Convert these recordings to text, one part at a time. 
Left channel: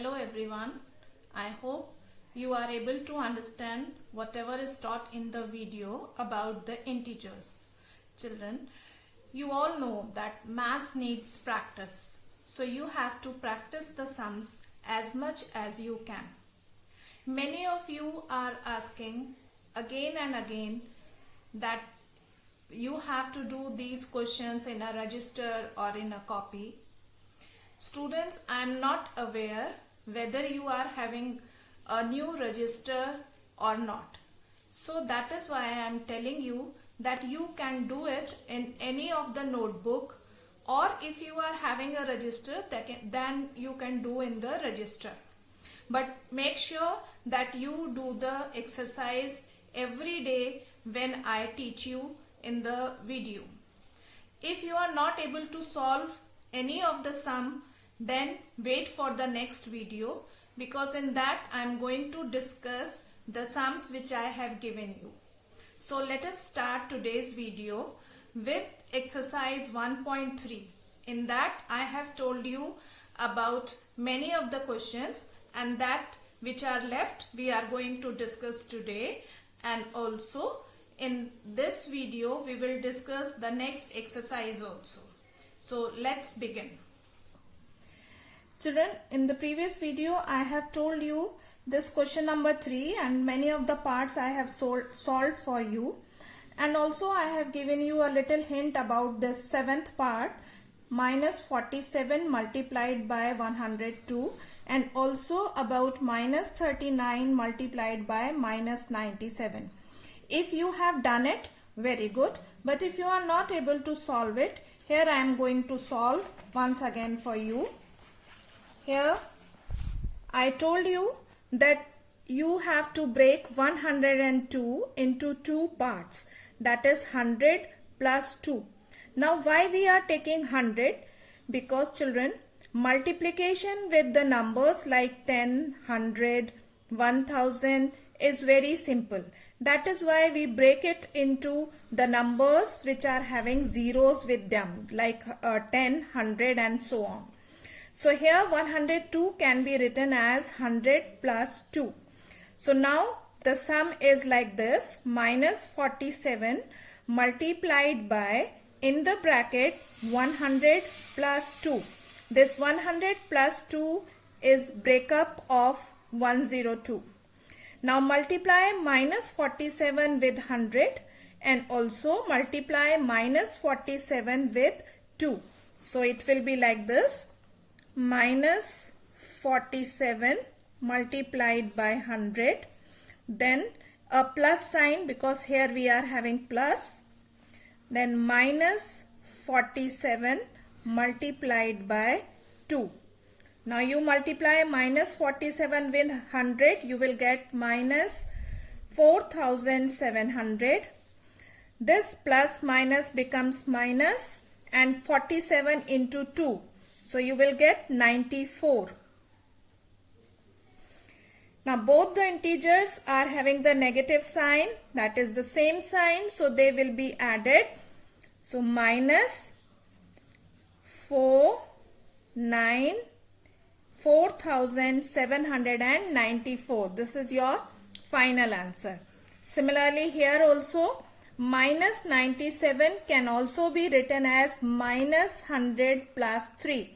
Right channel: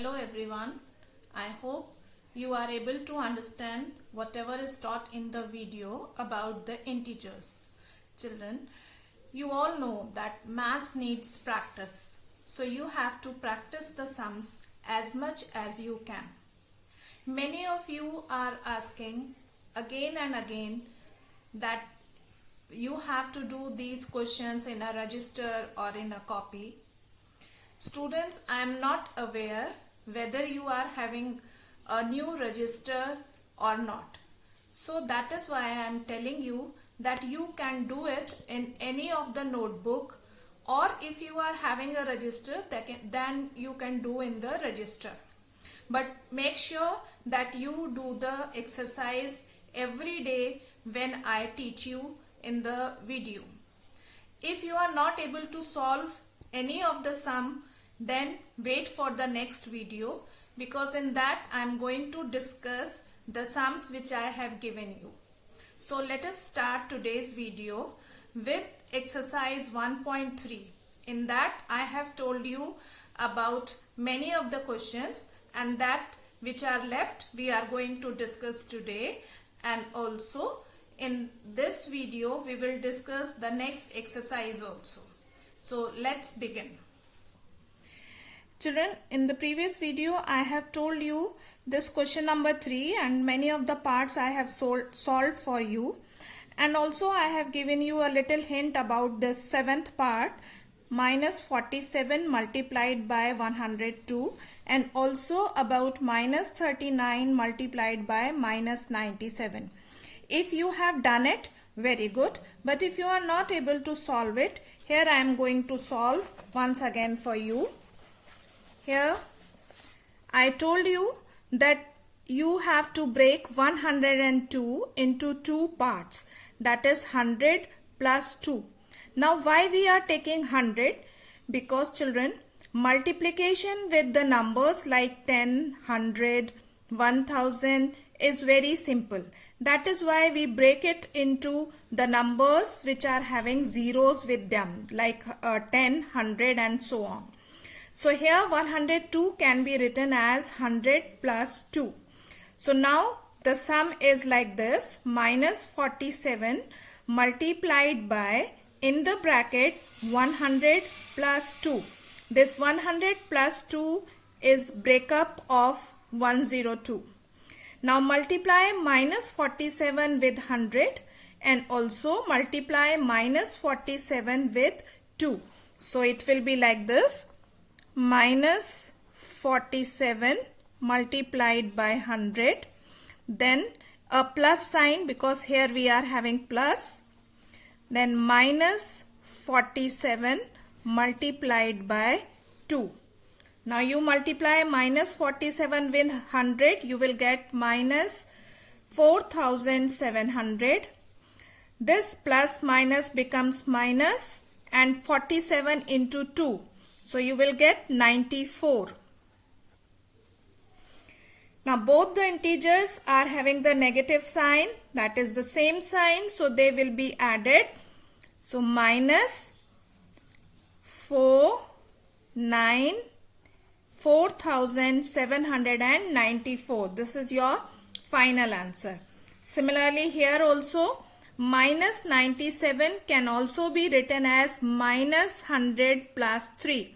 Hello everyone. I hope you are able to understand whatever is taught in the video about the integers. Children, you all know that maths needs practice. So you have to practice the sums as much as you can. Many of you are asking again and again that you have to do these questions in a register or in a copy. Students, I am not aware whether you are having a new register or not. So that is why I am telling you that you can do it in any of the notebook, or if you are having a register then you can do in the register. But make sure that you do the exercise every day when I teach you in the video. If you are not able to solve any of the sum, then wait for the next video, because in that I am going to discuss the sums which I have given you. So let us start today's video with exercise 1.3. In that I have told you about many of the questions, and that which are left we are going to discuss today, and also in this video we will discuss the next exercise also. So let's begin. Children, in the previous video I have told you this question number 3 and many of the parts I have solved for you, and also I have given you a little hint about this 7th part, minus 47 multiplied by 102, and also about minus 39 multiplied by minus 97. If you have done it, very good, but if you are not able to solve it, here I am going to solve once again for you. Here I told you that you have to break 102 into two parts, that is 100 plus 2. Now why we are taking 100? Because children, multiplication with the numbers like 10, 100, 1000 is very simple. That is why we break it into the numbers which are having zeros with them, like 10, 100 and so on. So here 102 can be written as 100 plus 2. So now the sum is like this, minus 47 multiplied by, in the bracket, 100 plus 2. This 100 plus 2 is breakup of 102. Now multiply minus 47 with 100 and also multiply minus 47 with 2. So it will be like this, minus 47 multiplied by 100, then a plus sign because here we are having plus, then minus 47 multiplied by 2. Now you multiply minus 47 with 100, you will get minus 4700. This plus minus becomes minus, and 47 into 2. So you will get 94. Now both the integers are having the negative sign, that is the same sign, so they will be added. So minus 4794. This is your final answer. Similarly here also, minus 97 can also be written as minus 100 plus 3.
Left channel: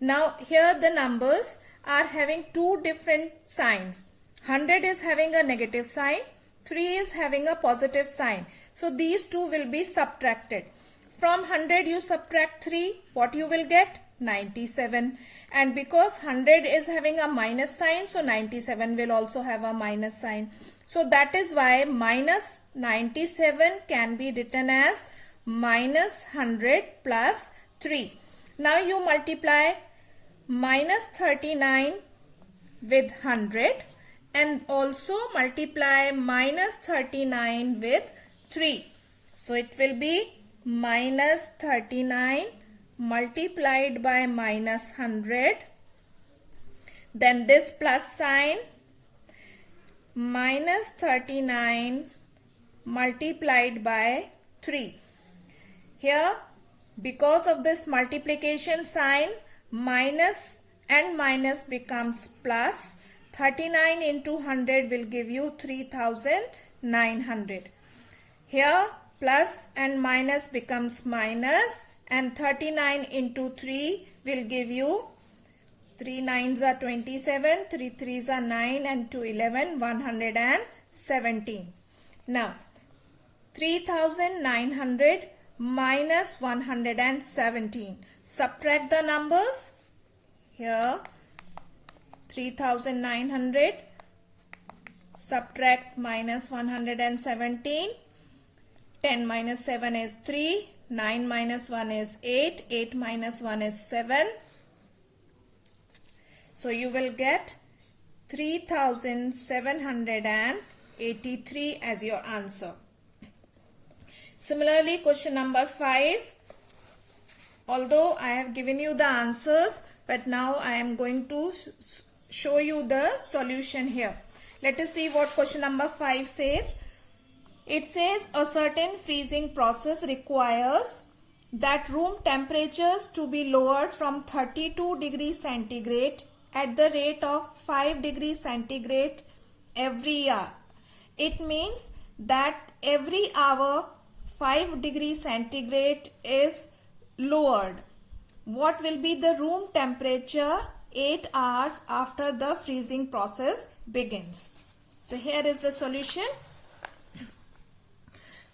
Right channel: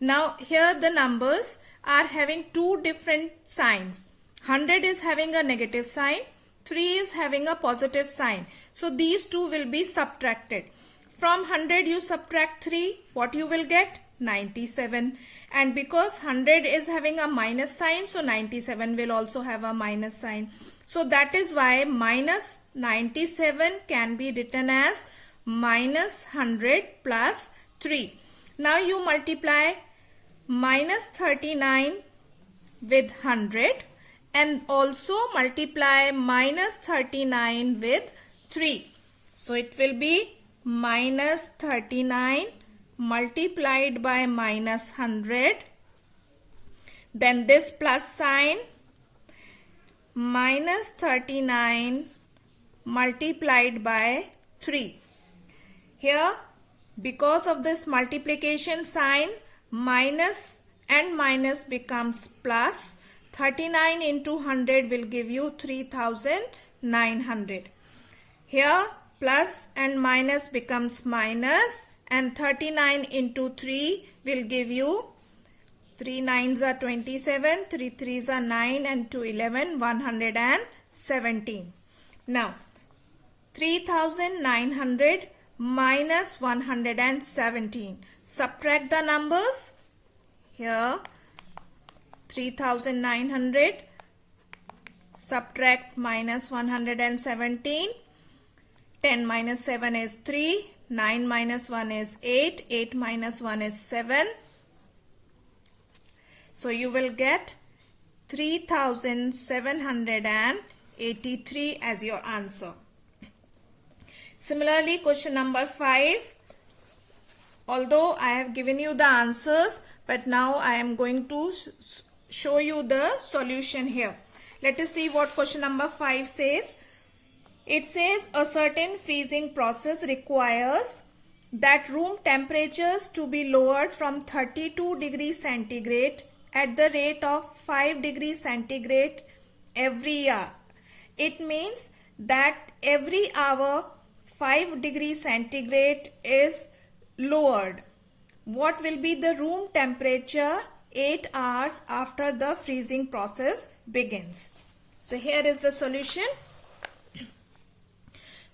Now here the numbers are having two different signs. 100 is having a negative sign, 3 is having a positive sign. So these two will be subtracted. From 100 you subtract 3, what you will get? 97. And because 100 is having a minus sign, so 97 will also have a minus sign. So that is why minus 97 can be written as minus 100 plus 3. Now you multiply minus 39 with 100 and also multiply minus 39 with 3. So it will be minus 39 multiplied by minus 100. Then this plus sign, minus 39 multiplied by 3. Here, because of this multiplication sign, minus and minus becomes plus. 39 into 100 will give you 3900. Here plus and minus becomes minus, and 39 into 3 will give you 3 9s are 27, 3 3s are 9, and 2 11, 117. Now 3900 minus 117. Subtract the numbers. Here 3900 subtract minus 117. 10 minus 7 is 3. 9 minus 1 is 8. 8 minus 1 is 7. So you will get 3783 as your answer. Similarly, question number 5. Although I have given you the answers, but now I am going to show you the solution here. Let us see what question number 5 says. It says a certain freezing process requires that room temperatures to be lowered from 32 degrees centigrade at the rate of 5 degrees centigrade every hour. It means that every hour 5 degrees centigrade is lowered. What will be the room temperature 8 hours after the freezing process begins? So here is the solution.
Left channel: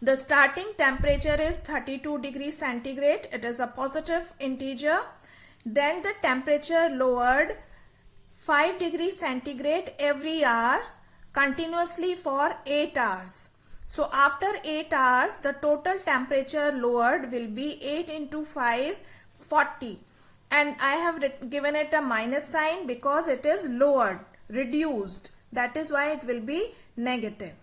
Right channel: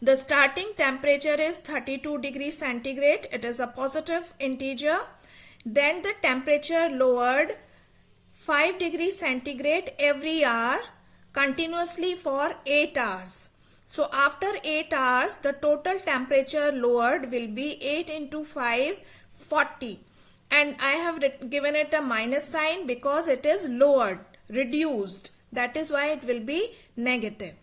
The starting temperature is 32 degrees centigrade. It is a positive integer. Then the temperature lowered 5 degrees centigrade every hour continuously for 8 hours. So after 8 hours, the total temperature lowered will be 8 into 5, 40. And I have given it a minus sign because it is lowered, reduced. That is why it will be negative.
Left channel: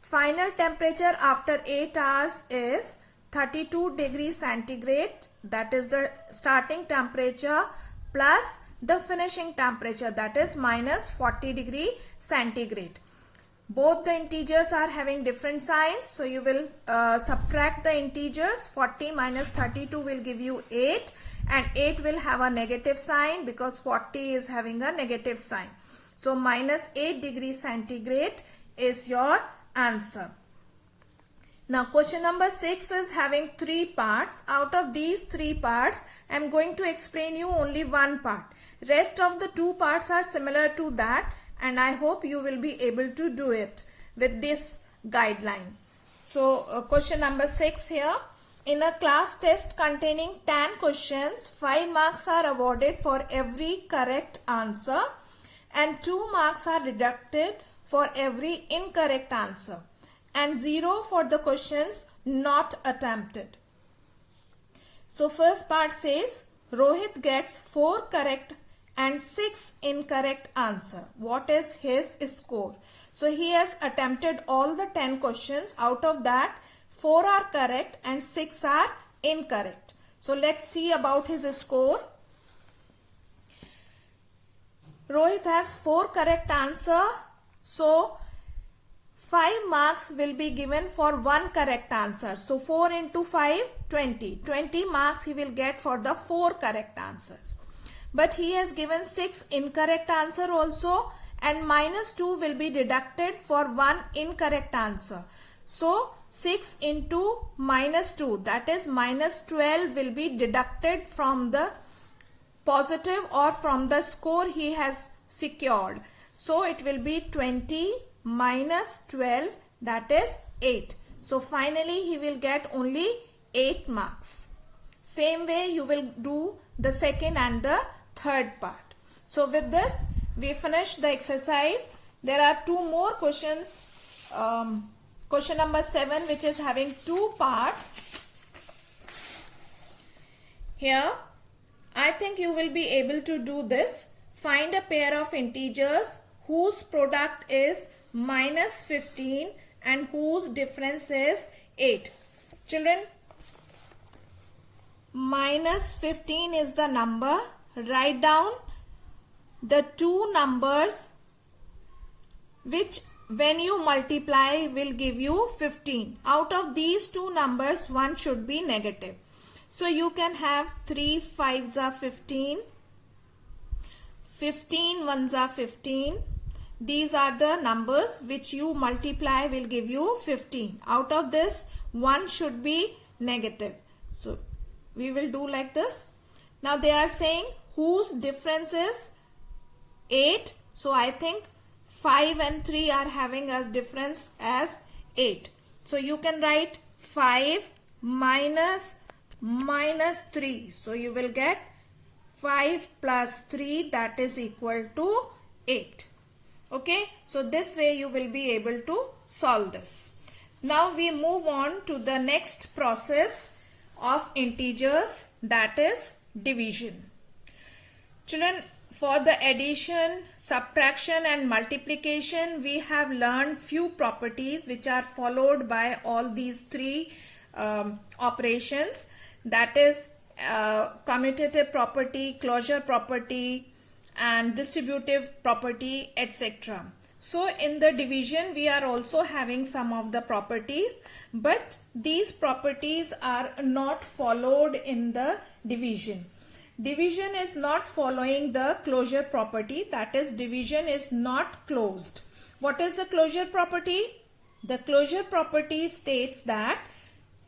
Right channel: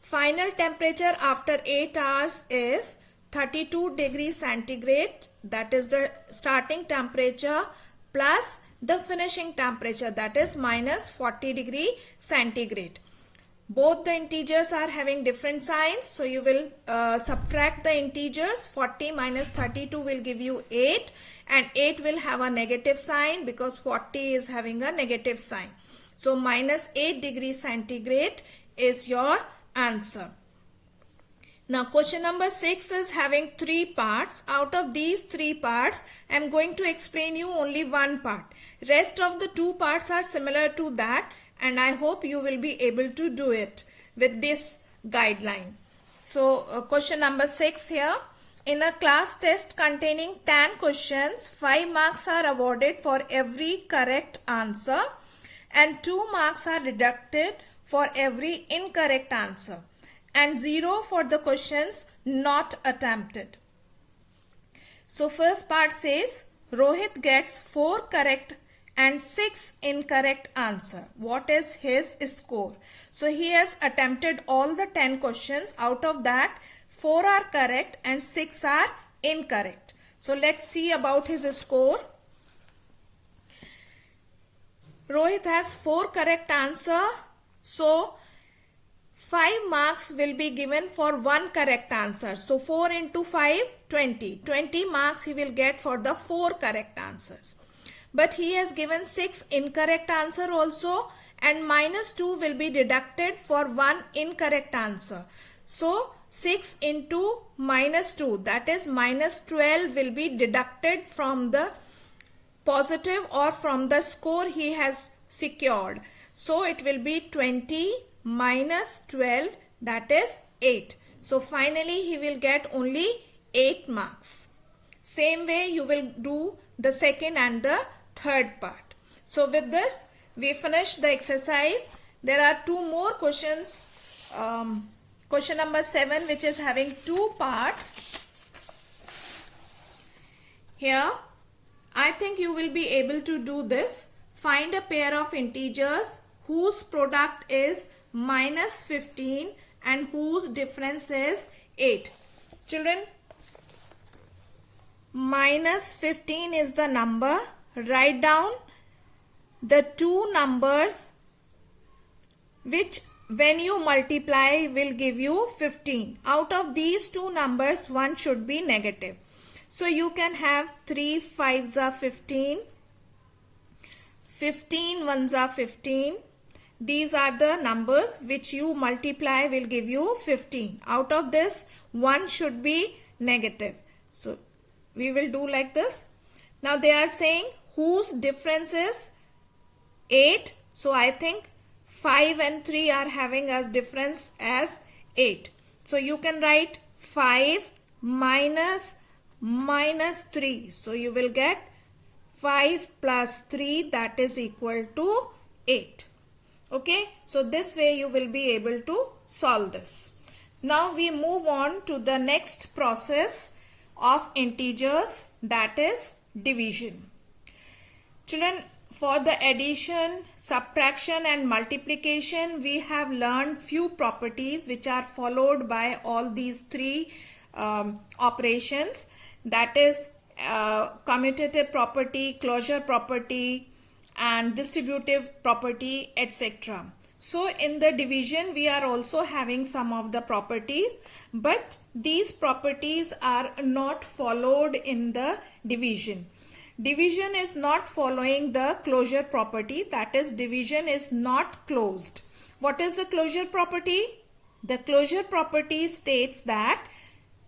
Final temperature after 8 hours is 32 degrees centigrade. That is the starting temperature plus the finishing temperature, that is minus 40 degree centigrade. Both the integers are having different signs. So you will subtract the integers. 40 minus 32 will give you 8. And 8 will have a negative sign because 40 is having a negative sign. So minus 8 degrees centigrade is your answer. Now question number 6 is having 3 parts. Out of these 3 parts, I am going to explain you only one part. Rest of the 2 parts are similar to that, and I hope you will be able to do it with this guideline. So question number 6 here. In a class test containing 10 questions, 5 marks are awarded for every correct answer and 2 marks are deducted for every incorrect answer and 0 for the questions not attempted. So first part says Rohit gets 4 correct and 6 incorrect answer. What is his score? So he has attempted all the 10 questions. Out of that, 4 are correct and 6 are incorrect. So let's see about his score. Rohit has 4 correct answer. So 5 marks will be given for 1 correct answer. So 4 into 5, 20. 20 marks he will get for the 4 correct answers. But he has given 6 incorrect answer also, and minus 2 will be deducted for 1 incorrect answer. So 6 into minus 2, that is minus 12, will be deducted from the positive or from the score he has secured. So it will be 20 minus 12, that is 8. So finally he will get only 8 marks. Same way you will do the second and the third part. So with this we finished the exercise. There are 2 more questions. Question number 7, which is having 2 parts. Here I think you will be able to do this. Find a pair of integers whose product is minus 15 and whose difference is 8. Children, minus 15 is the number. Write down the 2 numbers which when you multiply will give you 15. Out of these 2 numbers, one should be negative. So you can have 3 5s are 15. 15 ones are 15. These are the numbers which you multiply will give you 15. Out of this, 1 should be negative. So we will do like this. Now they are saying whose difference is 8. So I think 5 and 3 are having as difference as 8. So you can write 5 minus 3. So you will get 5 plus 3, that is equal to 8. Okay, so this way you will be able to solve this. Now we move on to the next process of integers, that is division. Children, for the addition, subtraction and multiplication, we have learned few properties which are followed by all these three operations, that is commutative property, closure property and distributive property, etc. So in the division we are also having some of the properties, but these properties are not followed in the division. Division is not following the closure property, that is division is not closed. What is the closure property? The closure property states that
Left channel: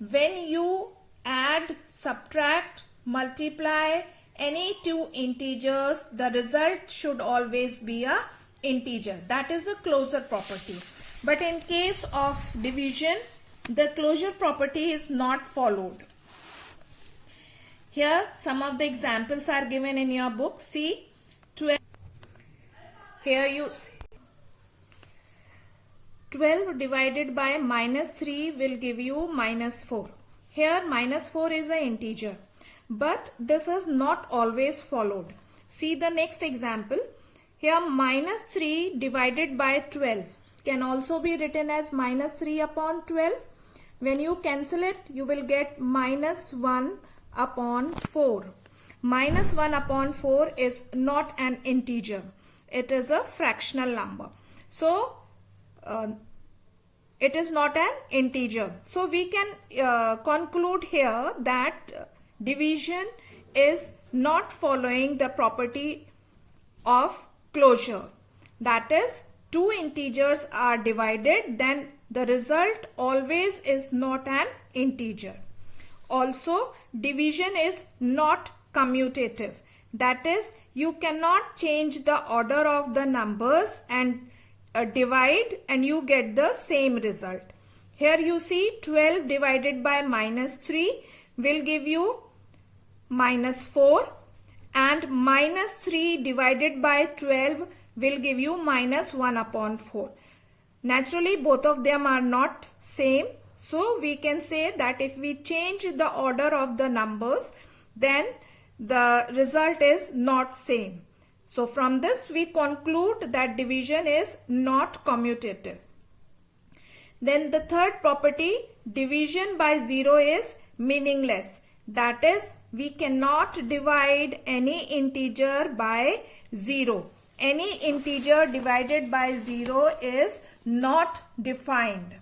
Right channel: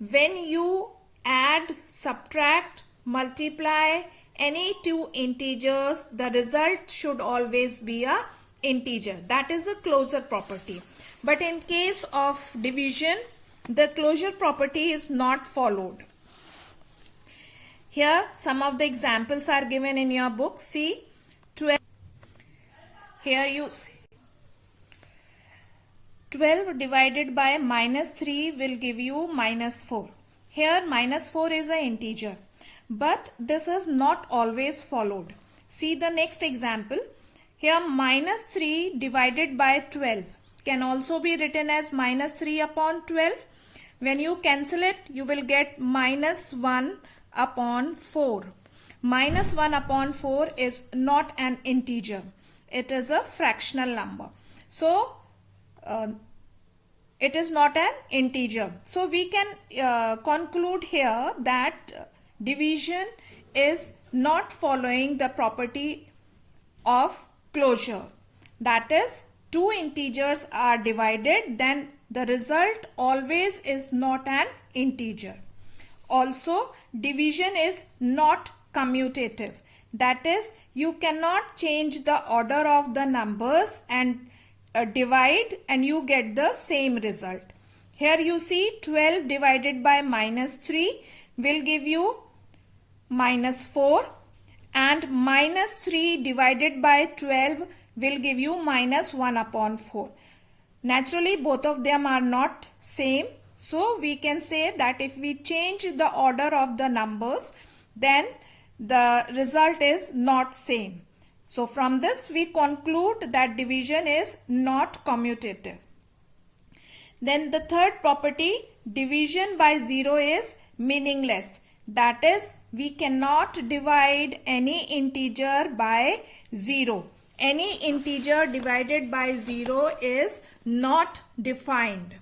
when you add, subtract, multiply any two integers, the result should always be a integer. That is a closure property. But in case of division, the closure property is not followed. Here some of the examples are given in your book. See, 12. Here you see 12 divided by minus 3 will give you minus 4. Here minus 4 is an integer, but this is not always followed. See the next example. Here minus 3 divided by 12 can also be written as minus 3 upon 12. When you cancel it, you will get minus 1 upon 4. Minus 1 upon 4 is not an integer. It is a fractional number. So, it is not an integer. So, we can conclude here that division is not following the property of closure. That is, two integers are divided, then the result always is not an integer. Also, division is not commutative. That is, you cannot change the order of the numbers and divide and you get the same result. Here you see 12 divided by minus 3 will give you minus 4, and minus 3 divided by 12 will give you minus 1 upon 4. Naturally, both of them are not same. So, we can say that if we change the order of the numbers, then the result is not same. So, from this we conclude that division is not commutative. Then the third property, division by 0 is meaningless. That is, we cannot divide any integer by 0. Any integer divided by 0 is not defined.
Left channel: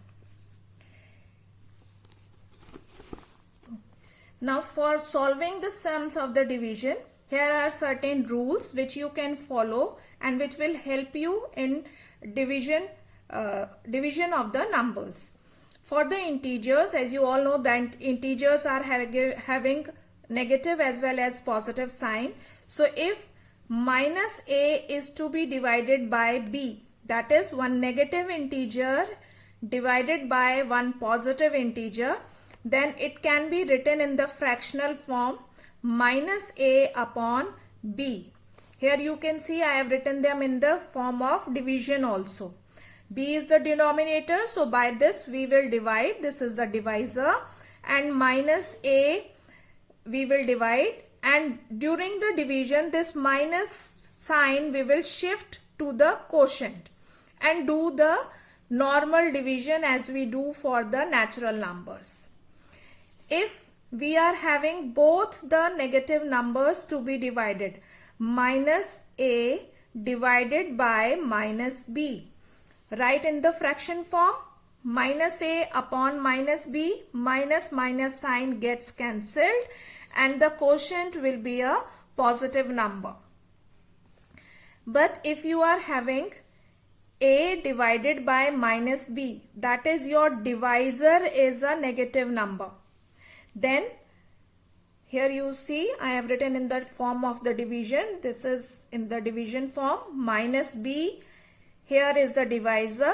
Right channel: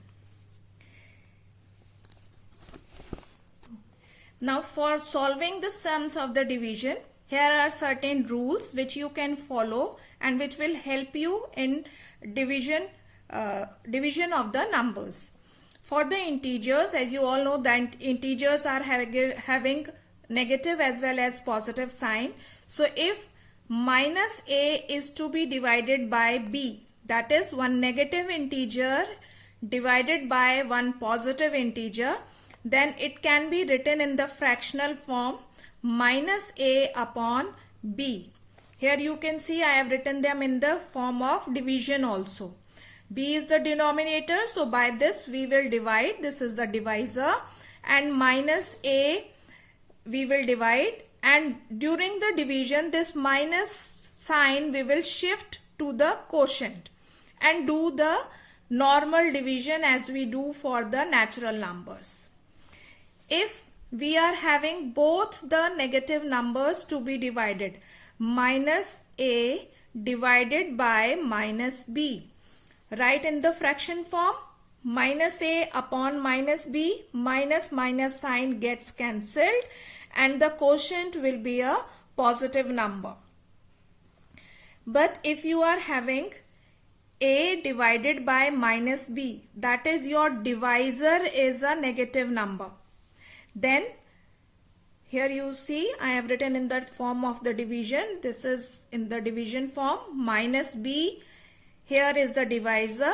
Now for solving the sums of the division, here are certain rules which you can follow and which will help you in division of the numbers. For the integers, as you all know that integers are having negative as well as positive sign. So if minus a is to be divided by b, that is one negative integer divided by one positive integer, then it can be written in the fractional form minus a upon b. Here you can see I have written them in the form of division also. B is the denominator, so by this we will divide. This is the divisor, and minus a we will divide, and during the division this minus sign we will shift to the quotient and do the normal division as we do for the natural numbers. If we are having both the negative numbers to be divided, minus a divided by minus b, write in the fraction form, minus a upon minus b, minus minus sign gets cancelled and the quotient will be a positive number. But if you are having a divided by minus b, that is your divisor is a negative number, then here you see I have written in that form of the division. This is in the division form. Minus b, here is the divisor,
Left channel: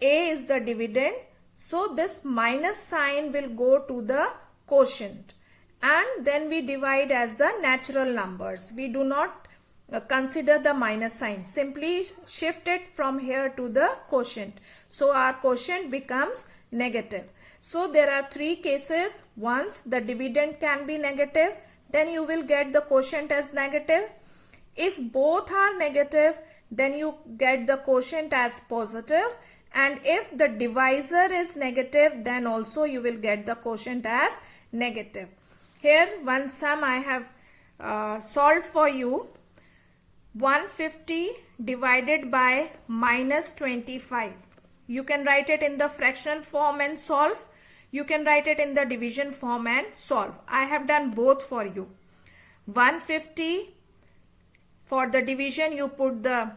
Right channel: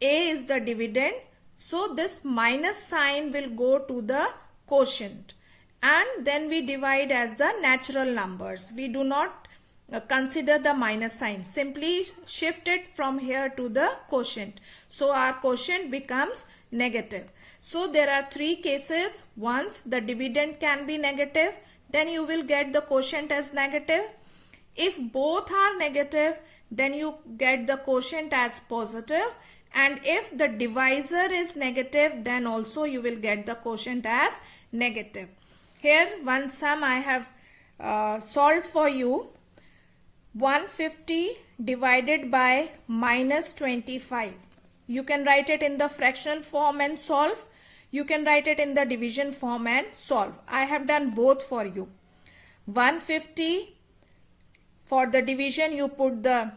a is the dividend. So this minus sign will go to the quotient, and then we divide as the natural numbers. We do not consider the minus sign. Simply shift it from here to the quotient. So our quotient becomes negative. So there are three cases. Once the dividend can be negative, then you will get the quotient as negative. If both are negative, then you get the quotient as positive. And if the divisor is negative, then also you will get the quotient as negative. Here one sum I have solved for you. 150 divided by minus 25. You can write it in the fractional form and solve. You can write it in the division form and solve. I have done both for you. 150, for the division you put the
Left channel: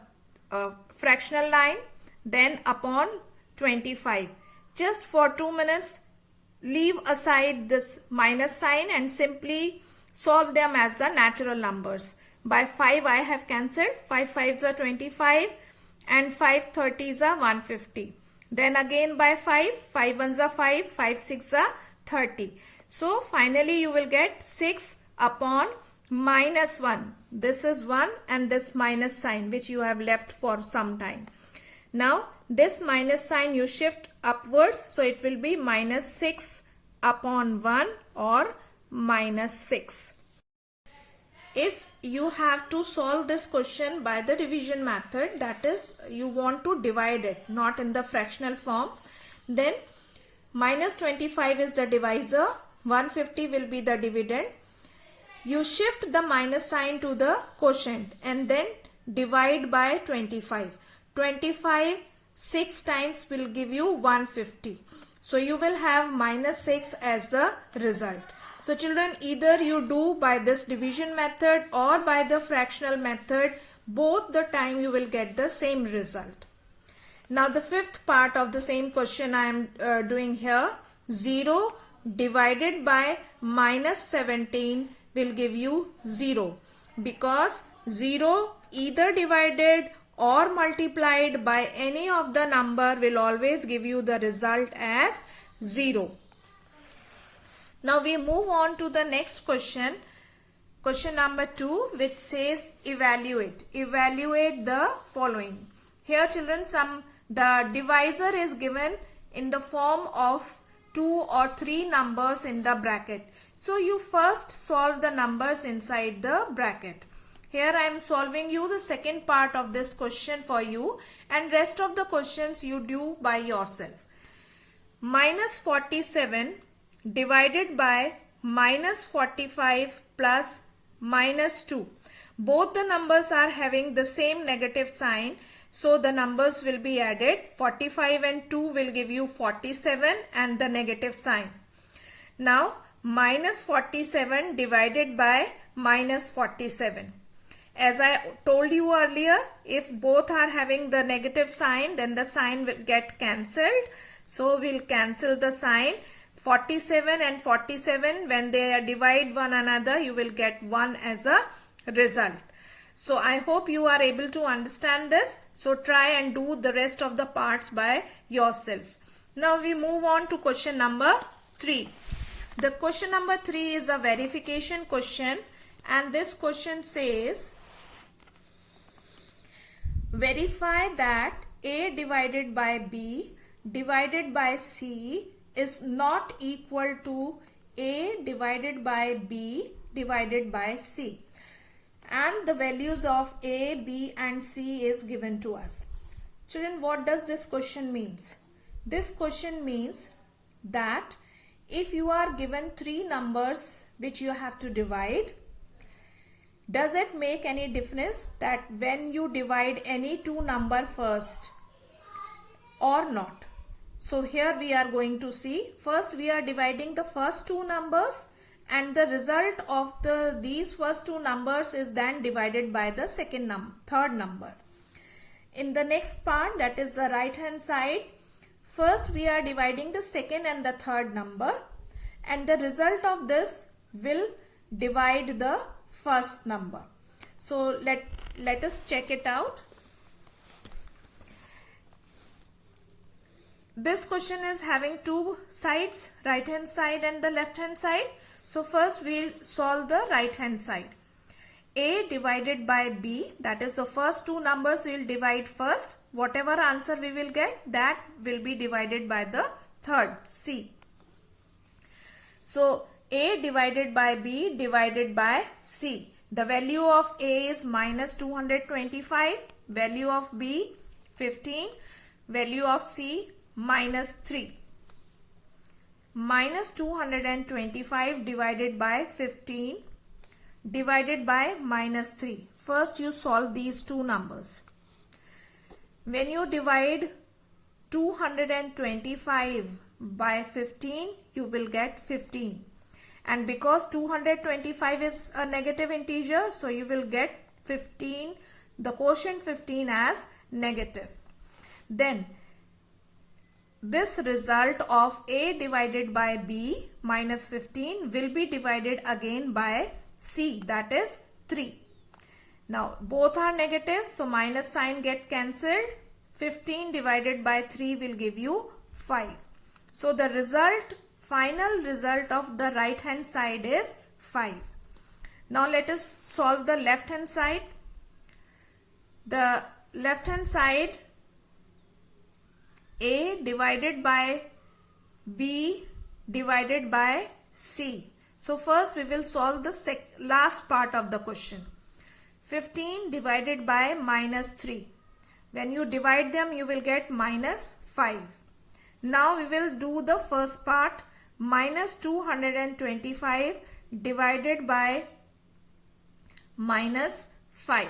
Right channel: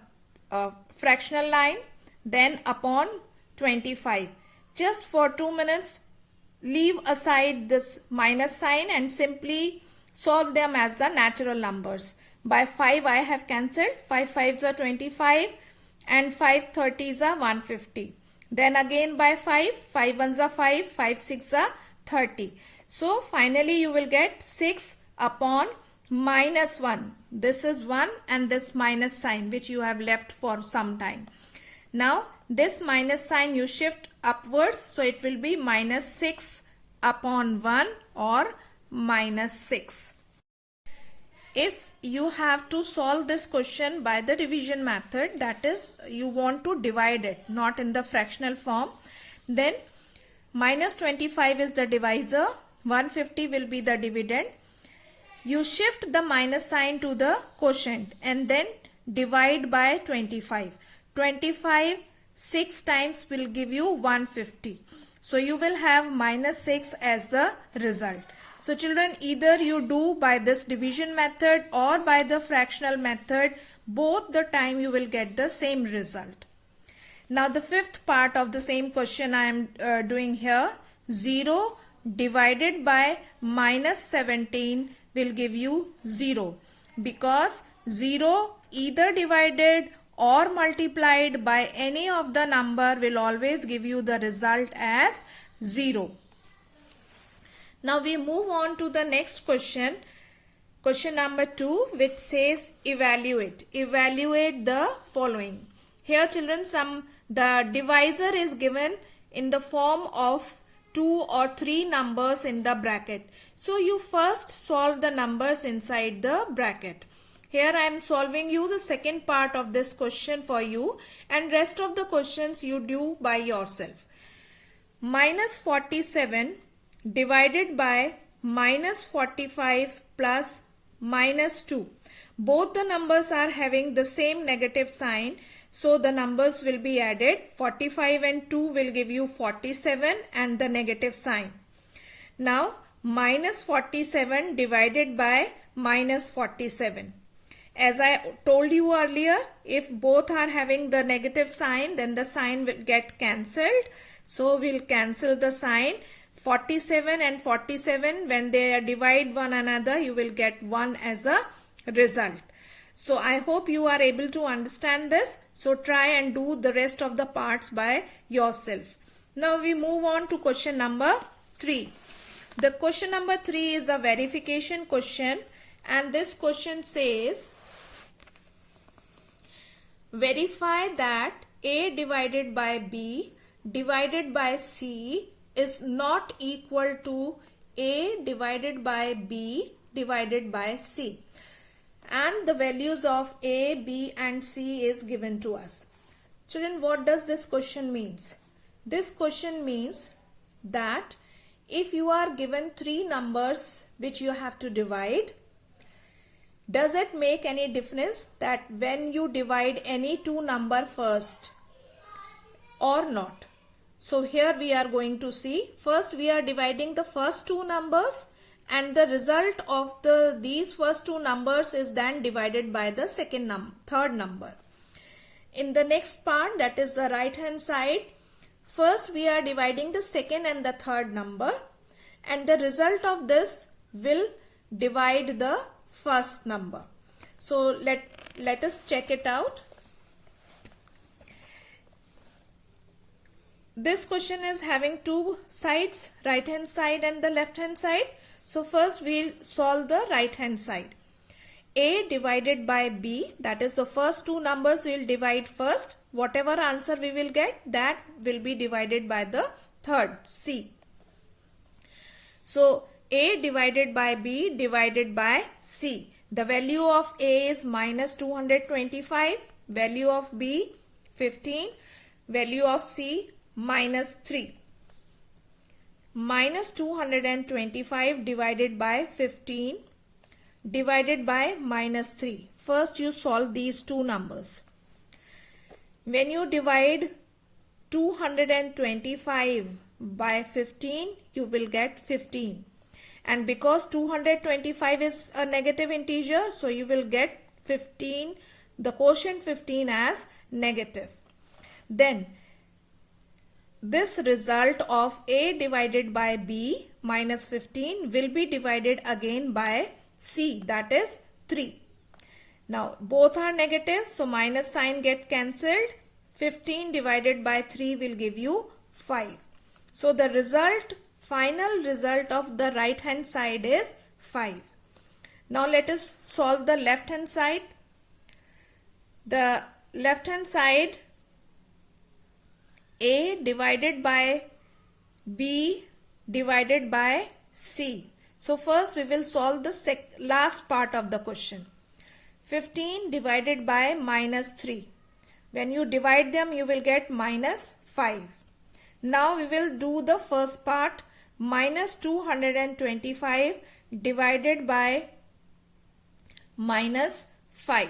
fractional line, then upon 25. Just for 2 minutes leave aside this minus sign and simply solve them as the natural numbers. By 5 I have cancelled. 5 5s are 25 and 5 30s are 150. Then again by 5, 5 1s are 5, 5 6s are 30. So finally you will get 6 upon minus 1. This is 1 and this minus sign which you have left for some time. Now this minus sign you shift upwards, so it will be minus 6 upon 1 or minus 6. If you have to solve this question by the division method, that is you want to divide it, not in the fractional form, then minus 25 is the divisor, 150 will be the dividend. You shift the minus sign to the quotient and then divide by 25. 25 6 times will give you 150. So you will have minus 6 as the result. So children, either you do by this division method or by the fractional method, both the time you will get the same result. Now the fifth part of the same question I am doing here. 0 divided by minus 17 will give you 0, because 0 either divided or multiplied by any of the number will always give you the result as 0. Now we move on to the next question. Question number 2, which says evaluate. Evaluate the following. Here children, the divisor is given in the form of 2 or 3 numbers in the bracket. So you first solve the numbers inside the bracket. Here I am solving you the second part of this question for you, and rest of the questions you do by yourself. Minus 47 divided by minus 45 plus minus 2. Both the numbers are having the same negative sign, so the numbers will be added. 45 and 2 will give you 47 and the negative sign. Now minus 47 divided by minus 47. As I told you earlier, if both are having the negative sign, then the sign will get cancelled. So we'll cancel the sign. 47 and 47, when they divide one another, you will get 1 as a result. So I hope you are able to understand this. So try and do the rest of the parts by yourself. Now we move on to question number 3. The question number 3 is a verification question, and this question says, verify that A divided by B divided by C is not equal to A divided by B divided by C, and the values of A, B and C is given to us. Children, what does this question means? This question means that if you are given 3 numbers which you have to divide, does it make any difference that when you divide any 2 number first or not? So here we are going to see, first we are dividing the first 2 numbers and the result of these first two numbers is then divided by the third number. In the next part, that is the right hand side, first we are dividing the second and the third number, and the result of this will divide the first number. So let us check it out. This question is having two sides, right hand side and the left hand side. So first we'll solve the right hand side. A divided by B, that is the first two numbers we'll divide first. Whatever answer we will get, that will be divided by the third, C. So A divided by B divided by C. The value of A is minus 225, value of B 15, value of C minus 3. Minus 225 divided by 15 divided by minus 3. First you solve these two numbers. When you divide 225 by 15, you will get 15. And because 225 is a negative integer, so you will get 15, the quotient 15 as negative. Then this result of A divided by B minus 15 will be divided again by C, that is 3. Now both are negative, so minus sign get cancelled. 15 divided by 3 will give you 5. So the final result of the right hand side is 5. Now let us solve the left hand side. The left hand side, A divided by B divided by C. So first we will solve the last part of the question. 15 divided by minus 3. When you divide them, you will get minus 5. Now we will do the first part, minus 225 divided by minus 5.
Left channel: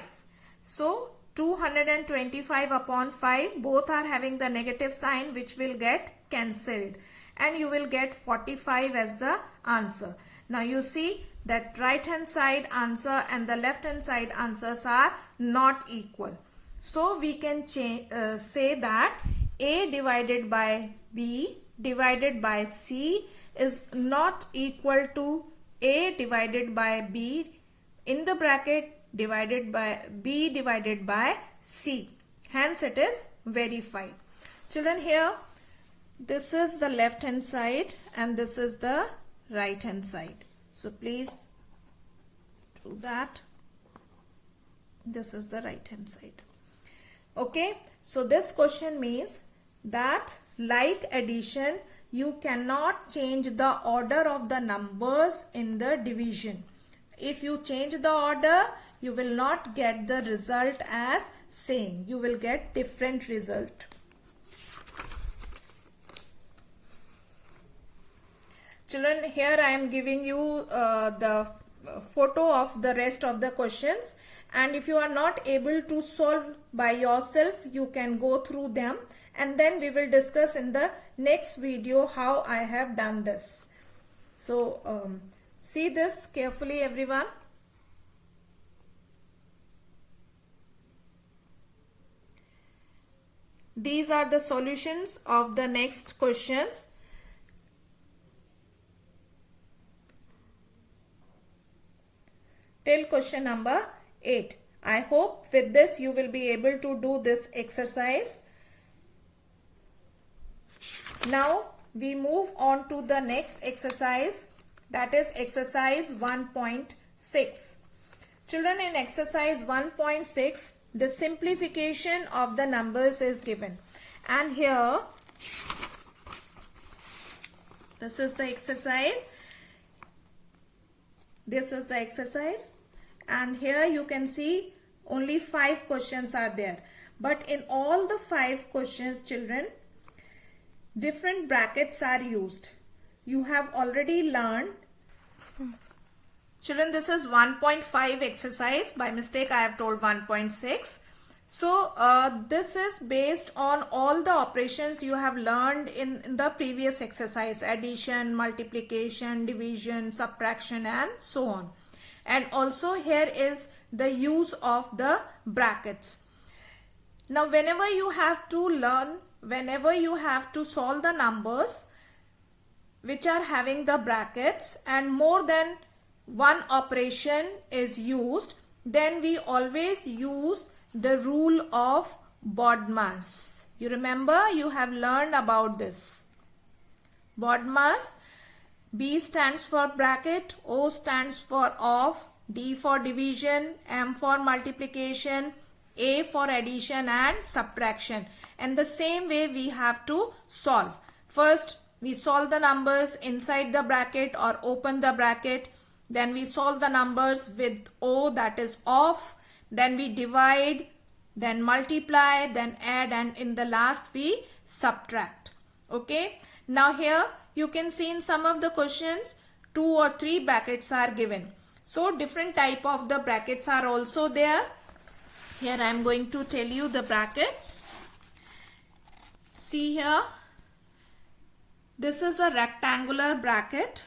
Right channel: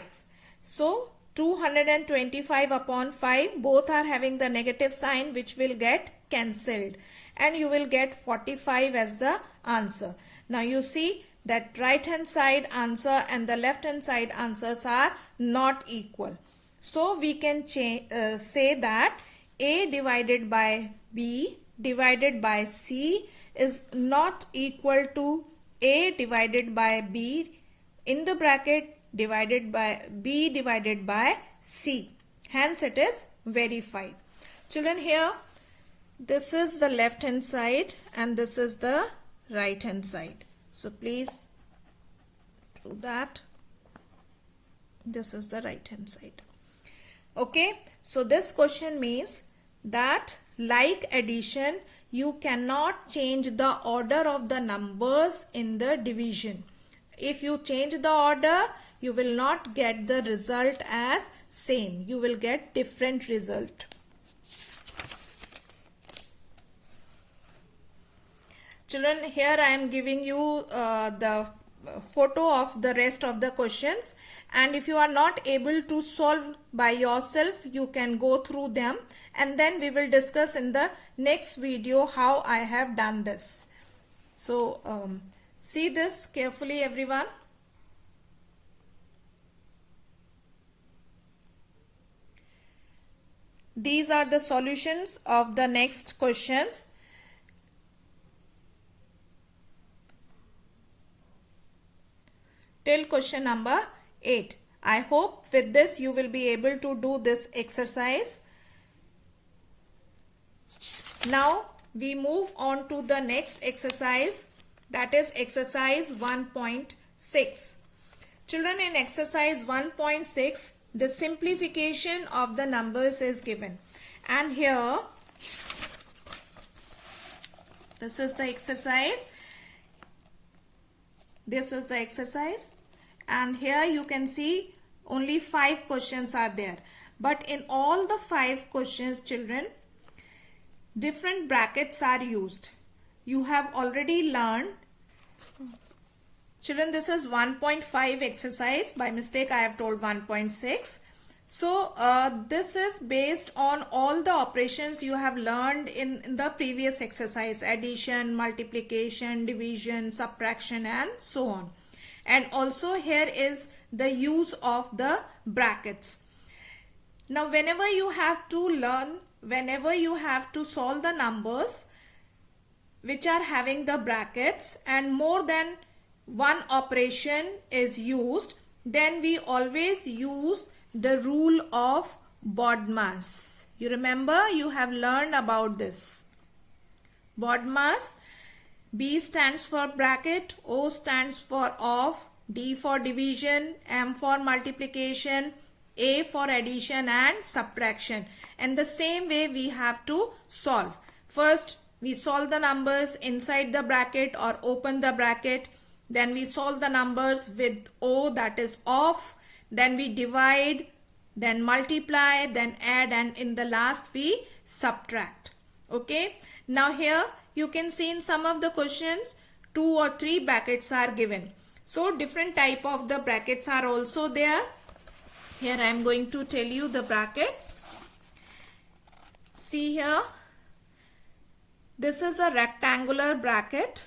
So 225 upon 5, both are having the negative sign, which will get cancelled, and you will get 45 as the answer. Now you see that right hand side answer and the left hand side answers are not equal. So we can say that A divided by B divided by C is not equal to A divided by B in the bracket divided by B divided by C. Hence it is verified. Children, here this is the left hand side and this is the right hand side. So please do that. This is the right hand side. Okay, so this question means that like addition, you cannot change the order of the numbers in the division. If you change the order, you will not get the result as same. You will get different result. Children, here I am giving you the photo of the rest of the questions, and if you are not able to solve by yourself, you can go through them, and then we will discuss in the next video how I have done this. So see this carefully, everyone. These are the solutions of the next questions. Till question number 8. I hope with this you will be able to do this exercise. Now we move on to the next exercise, that is exercise 1.6. Children, in exercise 1.6, the simplification of the numbers is given, and here this is the exercise. This is the exercise, and here you can see only 5 questions are there, but in all the 5 questions, children, different brackets are used. You have already learned. Children, this is 1.5 exercise. By mistake I have told 1.6. So this is based on all the operations you have learned in the previous exercise: addition, multiplication, division, subtraction, and so on. And also here is the use of the brackets. Now whenever you have to solve the numbers which are having the brackets and more than one operation is used, then we always use the rule of BODMAS. You remember, you have learned about this. BODMAS: B stands for bracket, O stands for off, D for division, M for multiplication, A for addition and subtraction. And the same way we have to solve. First we solve the numbers inside the bracket or open the bracket. Then we solve the numbers with O, that is off. Then we divide, then multiply, then add, and in the last we subtract. Okay. Now here you can see in some of the questions 2 or 3 brackets are given. So different type of the brackets are also there. Here I am going to tell you the brackets. See here. This is a rectangular bracket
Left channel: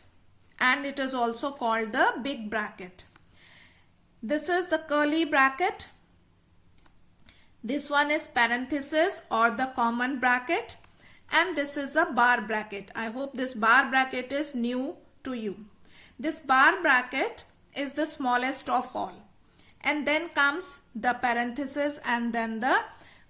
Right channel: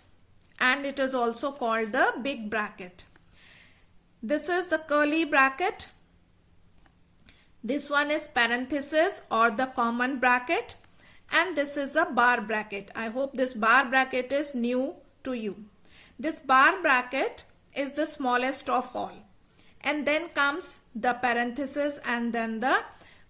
and it is also called the big bracket. This is the curly bracket. This one is parenthesis or the common bracket. And this is a bar bracket. I hope this bar bracket is new to you. This bar bracket is the smallest of all. And then comes the parenthesis and then the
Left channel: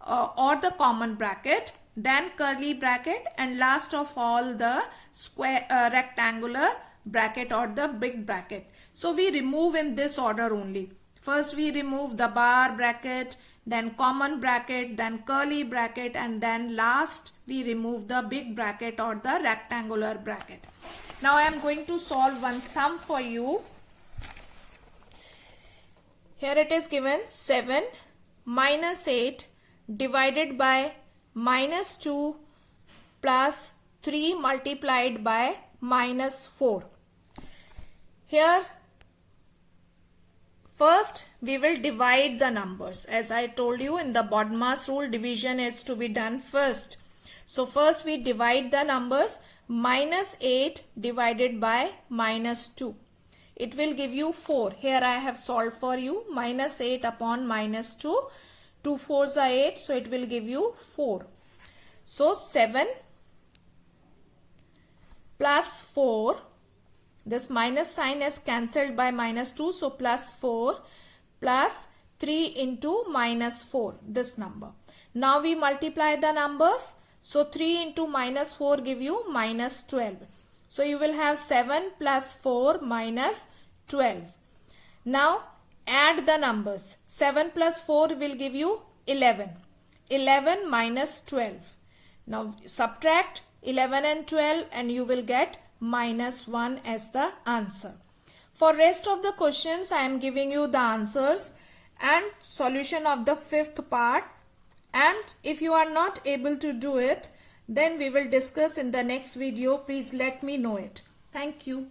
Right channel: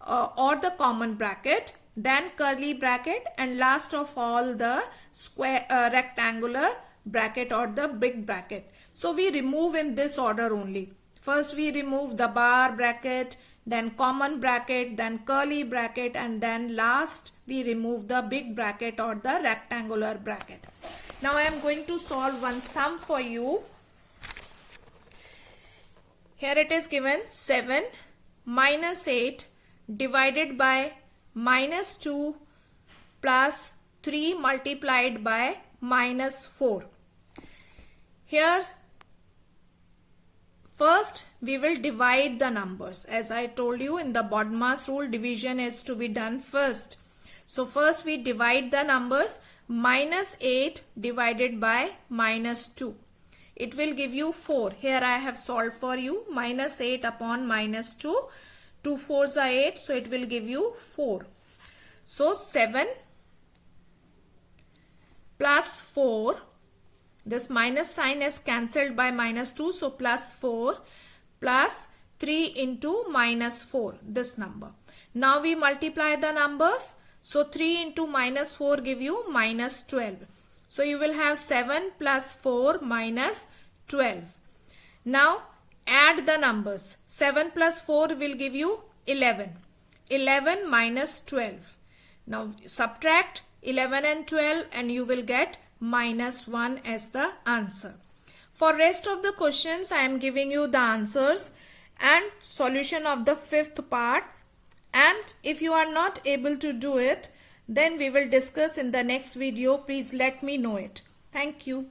or the common bracket. Then curly bracket and last of all the square rectangular bracket or the big bracket. So we remove in this order only. First we remove the bar bracket, then common bracket, then curly bracket, and then last we remove the big bracket or the rectangular bracket. Now I am going to solve one sum for you. Here it is given: 7 minus 8 divided by minus 2 plus 3 multiplied by minus 4. Here first we will divide the numbers. As I told you, in the BODMAS rule, division is to be done first. So first we divide the numbers. Minus 8 divided by minus 2. It will give you 4. Here I have solved for you. Minus 8 upon minus 2. 2 4s are 8. So it will give you 4. So 7 plus 4. This minus sign is cancelled by minus 2. So plus 4 plus 3 into minus 4. This number. Now we multiply the numbers. So 3 into minus 4 give you minus 12. So you will have 7 plus 4 minus 12. Now add the numbers. 7 plus 4 will give you 11. 11 minus 12. Now subtract 11 and 12 and you will get minus 1 as the answer. For rest of the questions I am giving you the answers and solution of the 5th part. And if you are not able to do it, then we will discuss in the next video. Please let me know it. Thank you.